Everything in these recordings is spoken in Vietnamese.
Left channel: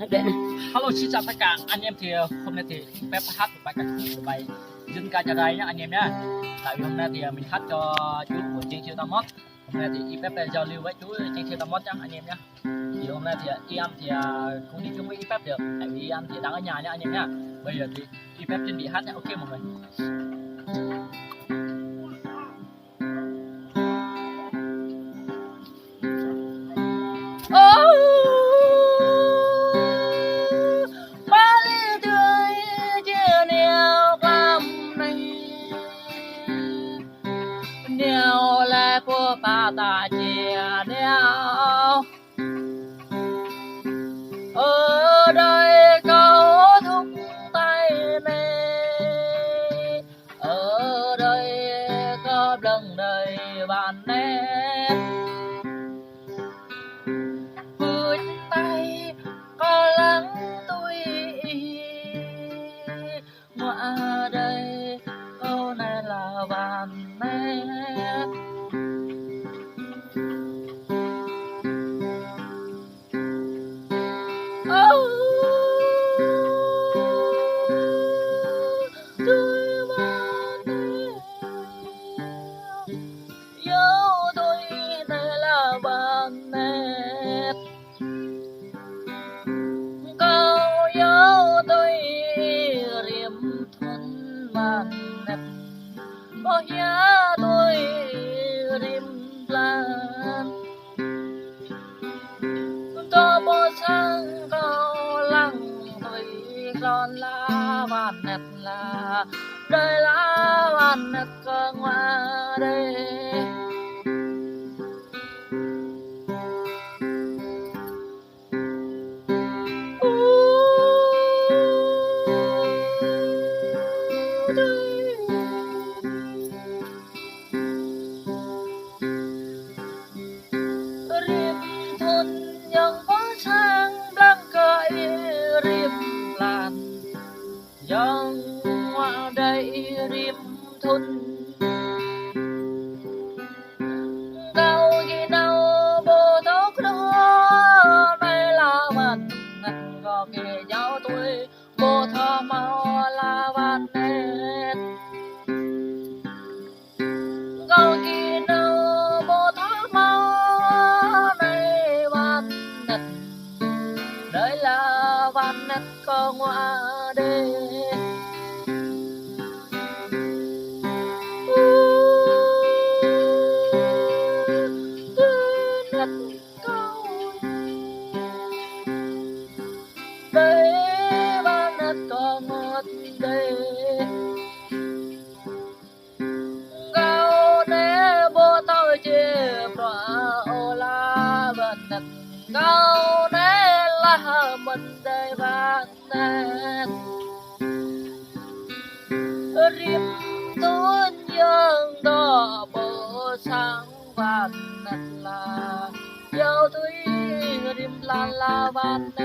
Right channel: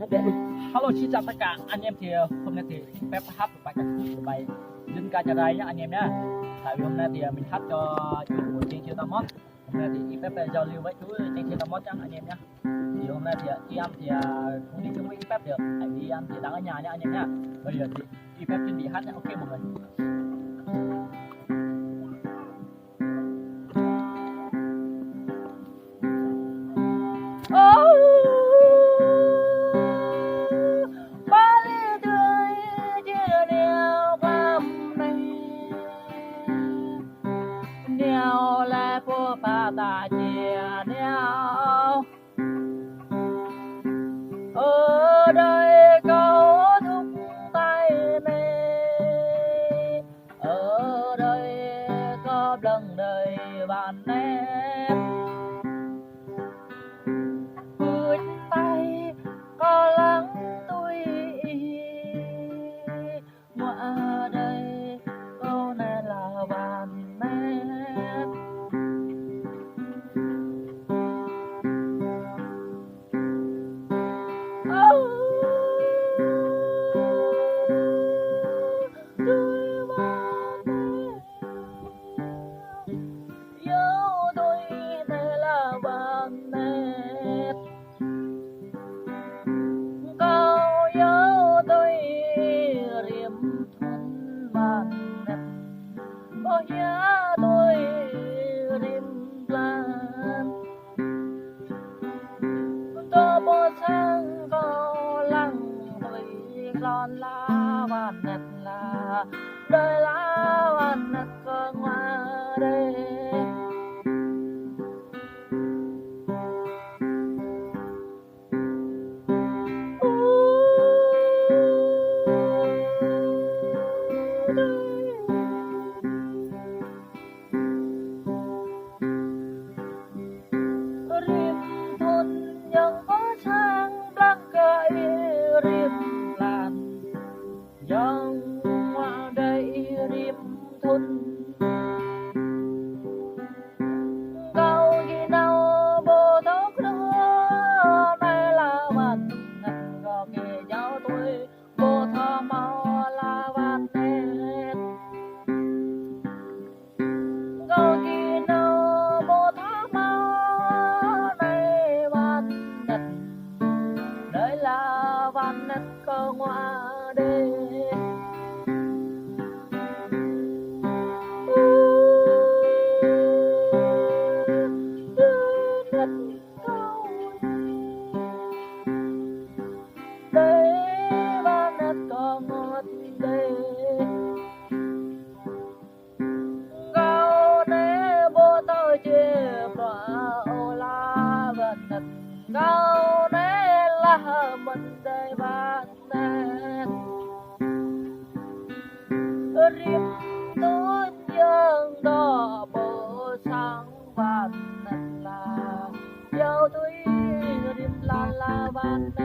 Hello xin chào tất cả anh em, thì hôm nay thì phép hát một bài ca khúc của bài dân ca chợ đây nhá anh em nhá. Tại vì hôm nay thì mình hát cho chú của trên siêu tam mót. Hôm nay thì phép giao lưu với chú trên siêu tam mót nhá anh em nhá. Thì hôm nay thì em thì không đi chung với phép được, tại vì em thì đang ở nhà nhá anh em nhá. Bây giờ thì phép chuẩn bị hát nhá, ok mọi người. Nèo lại phố phá ta chia nèo ở đây có thúc tay nè, ở đây có lần đời bạn nè, vươn tay có lắng tôi ngoài đây câu này là bạn nè. Lon la van nét là đời la van nét cơ ngoa đây rim thôn yang có sang đang cởi rim yang ngoa đây rim thôn cao gì nào bồ thóc đó đây là bạn ngặt gò kề giáo tôi bồ thọ mau là bạn nét cao gì nào bồ thóc mau đây bạn nét đây là bạn nét có ngoa đây. Câu này là mình đây bạn nè, rim tuôn dương đỏ bộ sáng bạn nè là giao tôi rim là bạn nè.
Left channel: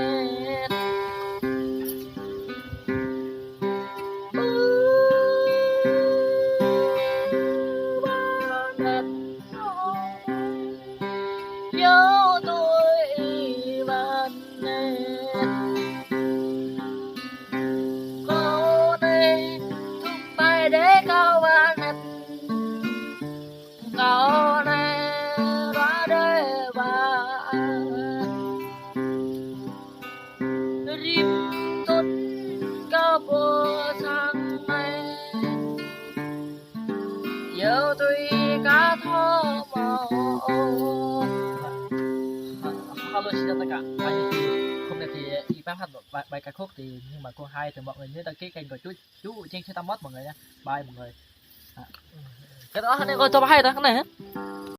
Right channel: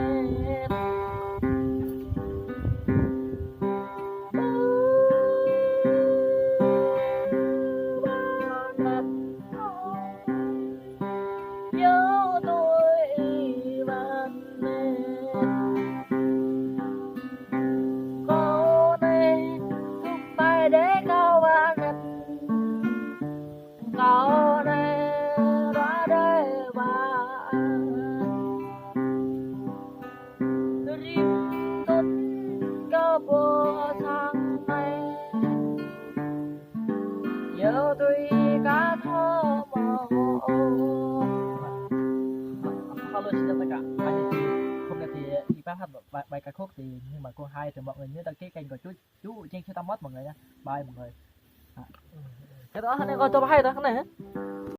Hello xin chào tất cả anh, hôm nay thì bác hát một bài ca khúc thì nhưng mà cô hai thì mọi người nhớ đăng ký kênh của chú trên Xe Tam Mót mọi người nha, bye mọi người. Cái đó này coi tôi hay đó cái này hết.